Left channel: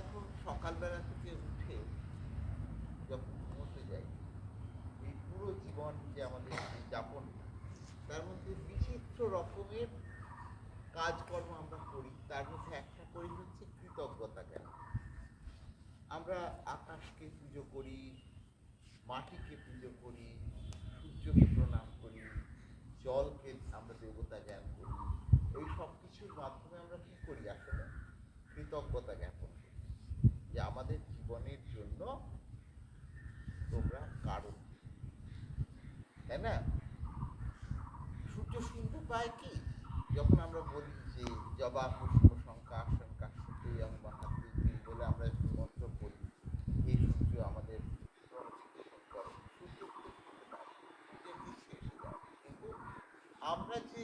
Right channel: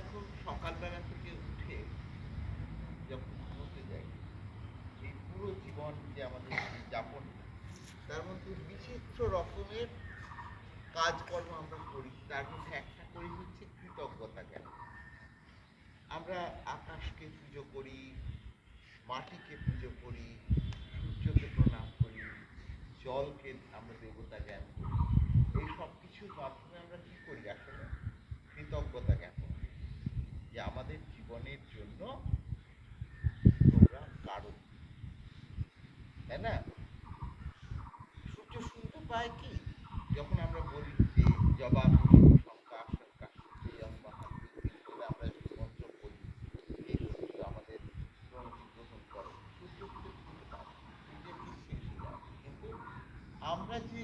এখন সকালবেলা থেকে উঠে যখন ঘুমোতে যাই, এই পুরো জীবন যে আমাদের যাপন, তার মধ্যে বিচিত্র রকমের কাজকর্ম আমরা করি। তার মধ্যে একটা করি হচ্ছে কৃতজ্ঞতা জ্ঞান। আমরা আকাশকে পুজো করি, মাটিকে পুজো করি, সূর্যকে প্রণাম করি, জলকে আমরা দেবতা জ্ঞান করি। এই সব কিছুর মাধ্যমে আমরা কি করি? আসলে কৃতজ্ঞতা জ্ঞাপন করি যে আমাদের জীবনের জন্য তোমরা কারণ, তাই না? সূর্য শুনতে পায় কি যখন আমরা বলি যে জবা কুসুম শঙ্কা আশঙ্কা সুপ্রিয়ং মহাদ্বীপ বলে আমরা মন্ত্র বলি, এই সূর্য আমাদের প্রণতিগ্রহণ করে। সূর্য কিন্তু শুনতে পায়, সূর্যের নিঃশ্বাসে যায়। কিন্তু আমরা যে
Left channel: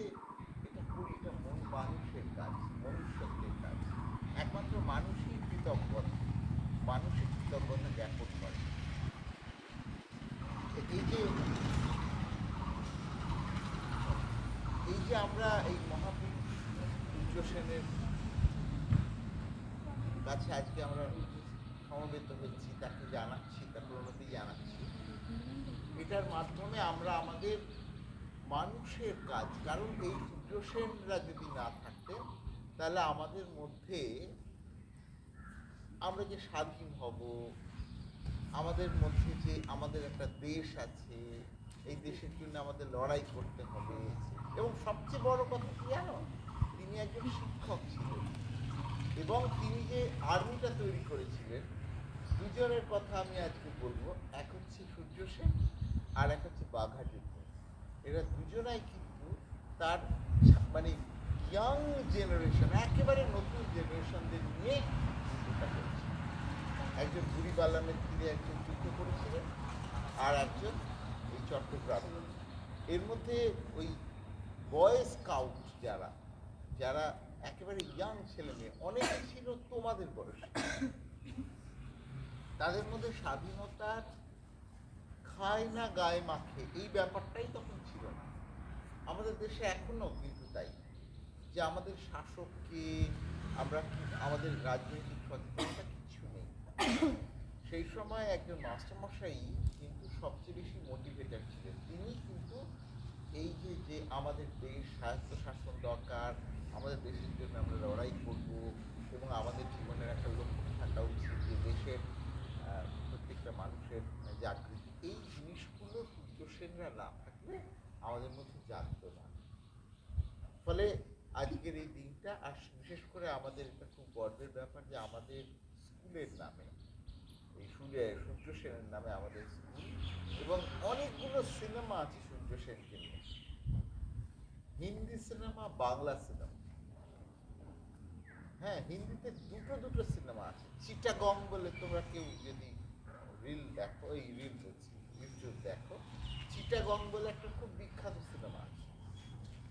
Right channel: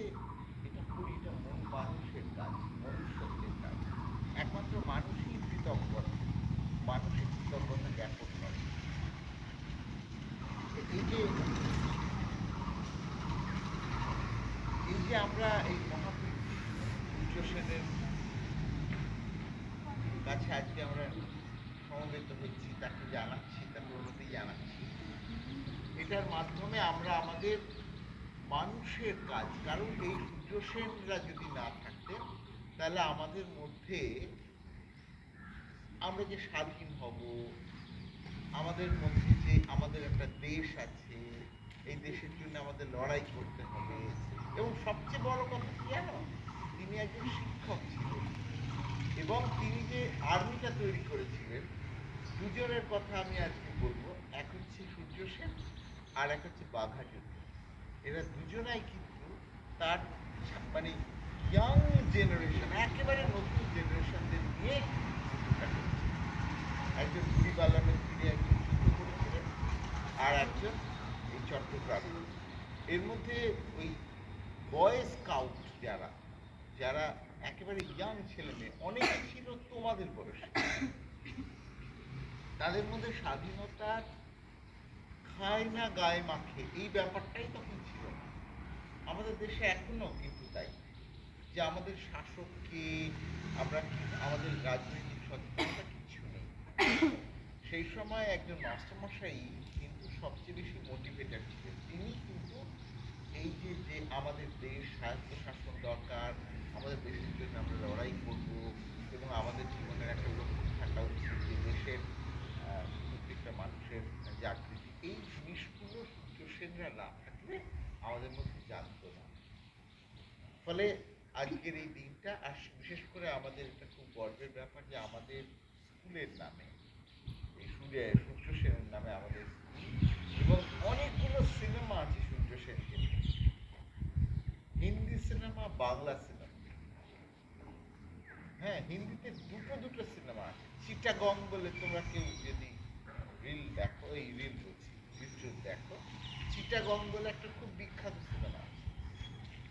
এটা করি, এটা মানুষের কাজ, মনুষ্যত্বের কাজ। একমাত্র মানুষই কৃতজ্ঞ, মানুষই কৃতজ্ঞতা জ্ঞাপন করে। এই যে আমরা এই মহাপুরুষ সূর্য সেনের কাছে আজকে আমরা সমবেত হচ্ছি, তাকে জানাচ্ছি, তার প্রণতি জানাচ্ছি, এটার মাধ্যমে আমরা আমাদের মানুষের কাজ, কারণ এই সূর্য সেনরা যদি না থাকতেন তাহলে আমাদের মধ্যে আমরা যে স্বাধীন হব, আমাদের মধ্যে যে আমাদের একটা দেশ আছে, এই দেশের জন্য আমাদের লড়াই করতে হবে। এবং সবচেয়ে বড় কথা কি জানো, তিনি একজন শিক্ষক ছিলেন এবং তিনি যে আর্মিটা তৈরি করেছিলেন, দুজনের কথা আমি আজকে বলবো। এক হচ্ছে সূর্য সেন আর এক হচ্ছে বাঘা যুদ্ধ। এরা দুজনাই কিন্তু তার মানে ইয়াং জেনারেশন, একেবারে নতুন জেনারেশনদের নিয়ে যুদ্ধটা করেছে। একজন বুড়ি পাল্লামের তীরে একজন যুদ্ধ করেছিলেন, আর একজন এই চট্টগ্রামে। এর মধ্যে ওই বয় স্কাউট যারা যারা একেবারে ইয়াং ছেলে মেয়ে, অনেকে ছিল তোমাদের বয়সে, তাদের মধ্যে স্বাধীনতার খায় না গায়ে মাখে এই ব্যাপারটাই তখন ছিল না। আমাদের দেশে এখনো কিন্তু তাই, যে আমাদের শাসককে আমরা আমাদের রাজনৈতিক সচেতনতা কিছু নেই। সেই সময় একজন মাস্টারমশাই কিন্তু সবচেয়ে বেশি মোটিভেটেড ছিলেন। তিনি কিন্তু এই যে যে আমাদের দেশ স্বায়ত্তশাসন দরকার, আমাদের দেশের জন্য আমরা লড়াই করব এবং আমাদের জীবনের একটা লক্ষ্য থাকা উচিত যে দেশের প্রত্যেকটা মানুষের জাগৃতি, এই জিনিসগুলো সূর্য সেনরা না থাকলে আমাদের মধ্যে জানতো না। ফলে আজকের এই দিনটা, আর বিশেষ করে আমাদের এটা খুব গর্বের ব্যাপার যে আমাদের স্কুলের নামে, এই সূর্য সেনের নামে আমাদের স্কুল, এবং অনেকগুলো সিনেমা আছে সূর্য সেনকে নিয়ে, হিন্দি সিনেমা, বাংলা সিনেমা। হ্যাঁ, হিন্দিতে দুটো সিনেমা আছে। চিটাগং বলে, তোমরা কেউ যদি রিল দেখো, এই রিল বলছি, ইউটিউব দেখো, চিটাগং বলে একটা খুব বিখ্যাত সিনেমা আছে।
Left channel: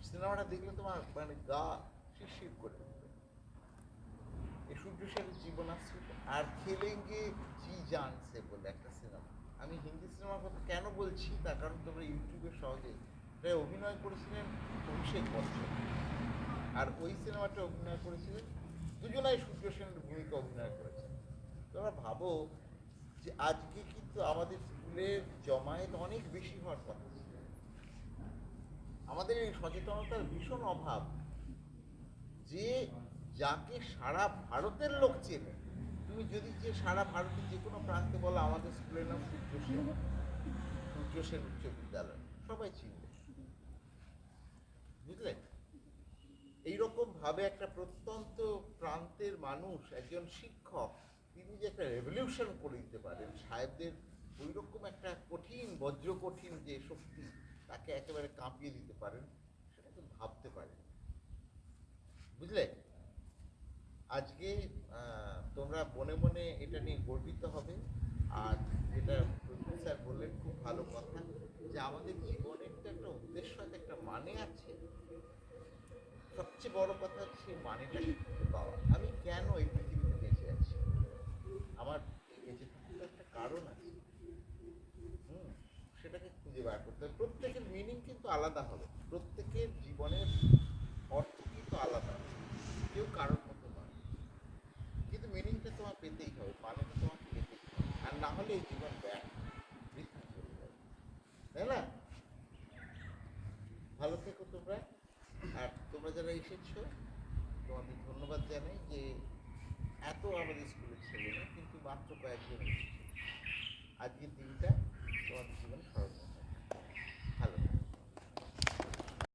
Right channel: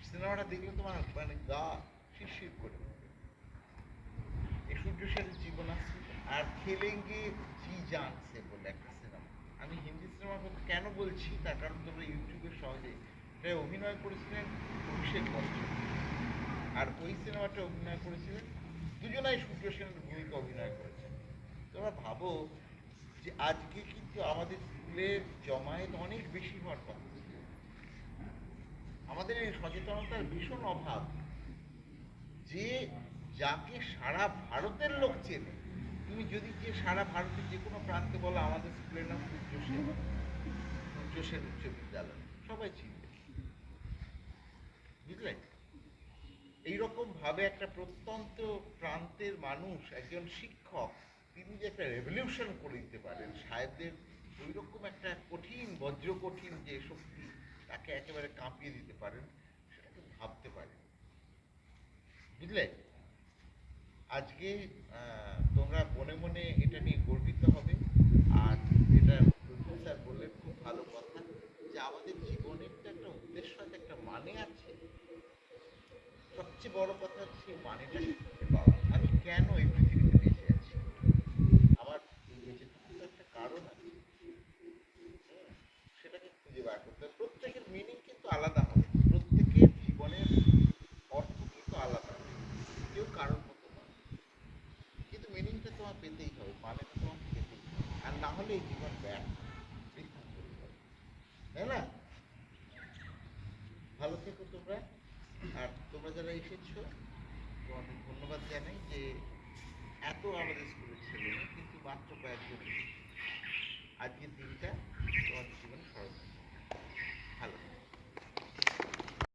সিনেমাটা দেখলে তোমার মানে গা শিরশির করে উঠবে। এই সূর্য সেনের জীবনাশ্রিত। আর খেলেঙ্গে জি জানছে বলে একটা সিনেমা। আমি হিন্দি সিনেমার কথা কেন বলছি, তার কারণ তোমরা ইউটিউবে সহজে, এটা অভিনয় করেছিলেন অভিষেক বচ্চন, আর ওই সিনেমাটা অভিনয় করেছিলেন দুজনাই সূর্য সেনের ভূমিকা অভিনয় করেছেন। তোমরা ভাবো যে আজকে কিন্তু আমাদের স্কুলের জমায়েত অনেক বেশি হওয়ার কথা। আমাদের এই সচেতনতার ভীষণ অভাব, যে যাকে সারা ভারতের লোক চেনে, তুমি যদি যে সারা ভারতের যে কোনো প্রান্তে বলো আমাদের স্কুলের নাম সূর্য সেন, সূর্য সেন উচ্চ বিদ্যালয়, সবাই চিনবে। বুঝলে? এইরকম ভাবে একটা প্রত্যন্ত প্রান্তের মানুষ, একজন শিক্ষক, তিনি যে একটা রেভলিউশন করে দিতে পারেন, সাহেবদের ওই রকম একটা কঠিন, বজ্র কঠিন যে শক্তি, তাকে একেবারে কাঁপিয়ে দিতে পারেন, সেটাকে ভাবতে পারেন। বুঝলে? আজকে তোমরা মনে মনে এটা নিয়ে গর্বিত হবে। আর যেটা প্রদীপ স্যার বললেন, খুব ভালো কথা, যে আমাদের জীবনের তো একটা উদ্দেশ্য আছে, একটা মানে আছে। সবচেয়ে বড় কথা হচ্ছে সেই মানেটাকে খুঁজে পাওয়া। আমি কেন এই পৃথিবীতে বেঁচে আছি, আমার এই বেঁচে থাকার তো একটা কারণ আছে। সেটাকে খুঁজে বার করতে হবে। প্রত্যেকের মিনিং কিন্তু আলাদা হবে, প্রত্যেকের জীবনের অর্থ কিন্তু আলাদা হবে, কেউ কারোর মতো নয়, কিন্তু মিনিংটা তোমার পেতেই হবে, পানিটা তোমাকে পেতেই হবে, আর না হলে এই জীবন ব্যয়, বৃথা চলে যাবে, তাই না? ভালো থেকো তোমরা। আর তোমরা যারা এসেছো তোমাদের ধন্যবাদ জানাই যে এত আমাদের স্কুলে ছেলে না, কিন্তু মাত্র কয়েকজন এসেছে। আজকের দিনটা তোমাদের জীবনে স্মরণীয়।